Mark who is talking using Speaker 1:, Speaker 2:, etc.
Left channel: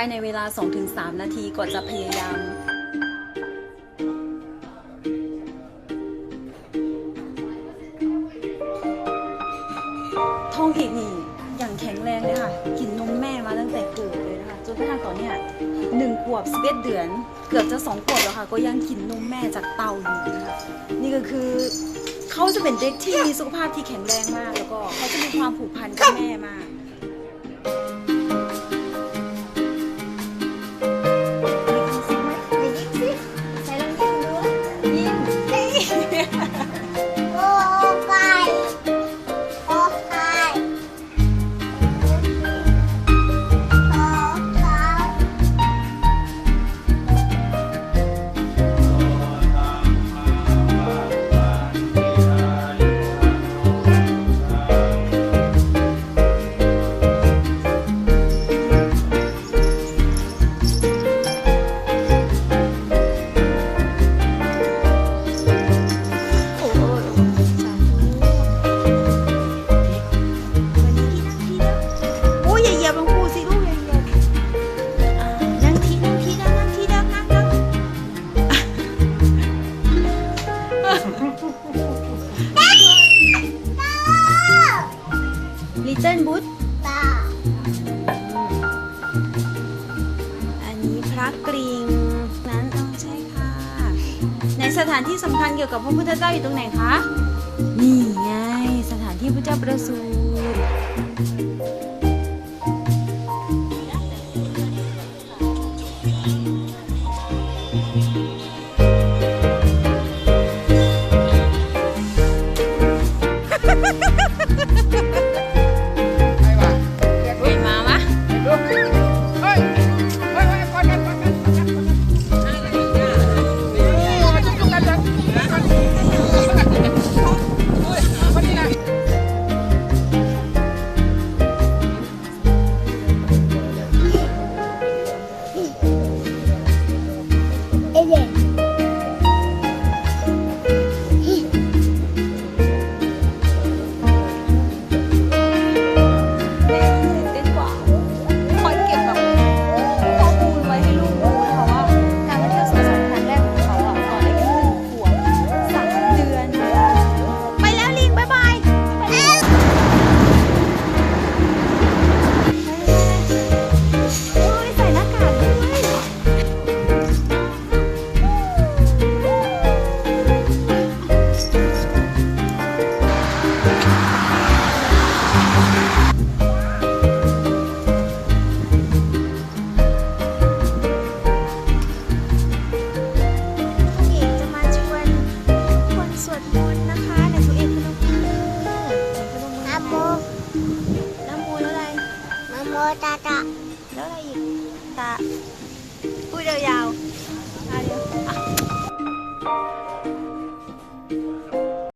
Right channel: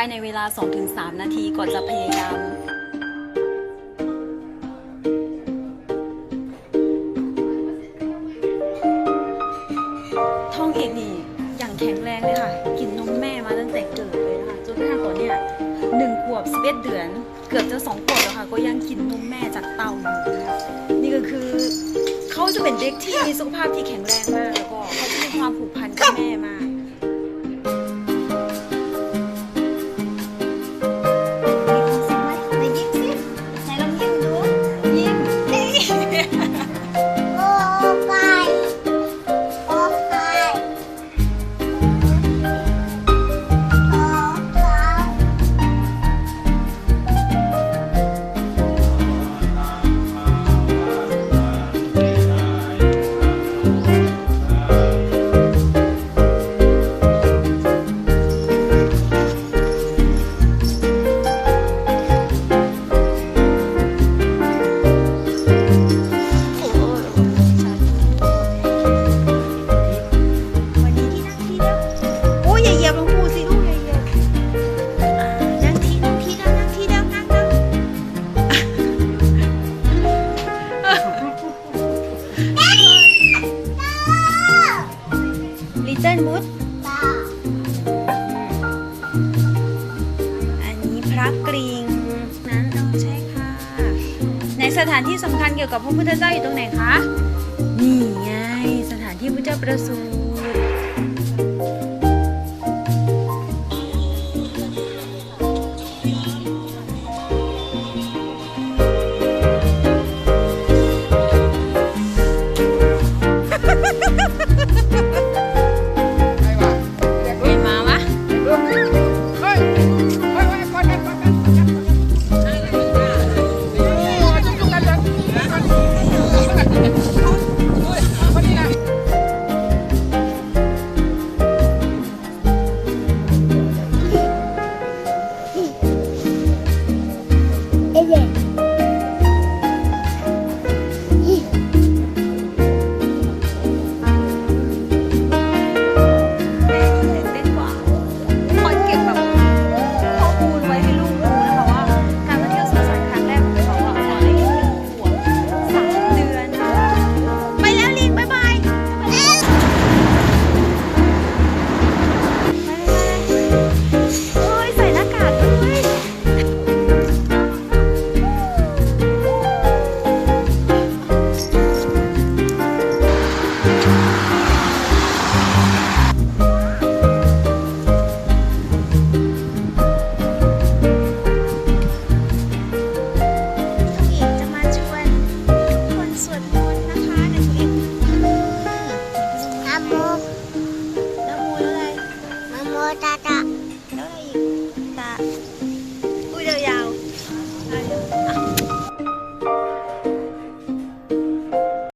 Speaker 1: ภายในเวลา 2-3 นาทีก่อนจะพยายามท้องเอกนี่อย่างแข็งแรงเลยค่ะ กินนมแม่มาตั้งแต่เกิดเลยนะคะจนกระทั่งตอนเนี้ยหนึ่งขวบสิบเอ็ดเดือน เกือบจะสองขวบแล้วค่ะ ก็ยังกินนมแม่จากเตาอยู่นะคะ นี่ก็คือเขาจะเป็นเด็กที่มีสุขภาพที่แข็งแรงมาก แล้วก็เขาจะมีความผูกพันกับแม่มาก ลิตเติ้ลบุ๊
Speaker 2: ตา
Speaker 1: อันนี้พระกริงนั้นเอาใช่ค่ะ ในสถานที่สำคัญเกี่ยวกับพระพุทธเจ้าอยู่ตรงไหนคะ นี่ไง สถานที่พระเจ้าประสูติ
Speaker 2: เ波，
Speaker 1: 那么来，么
Speaker 2: 么哒哒，可哒，不要呀。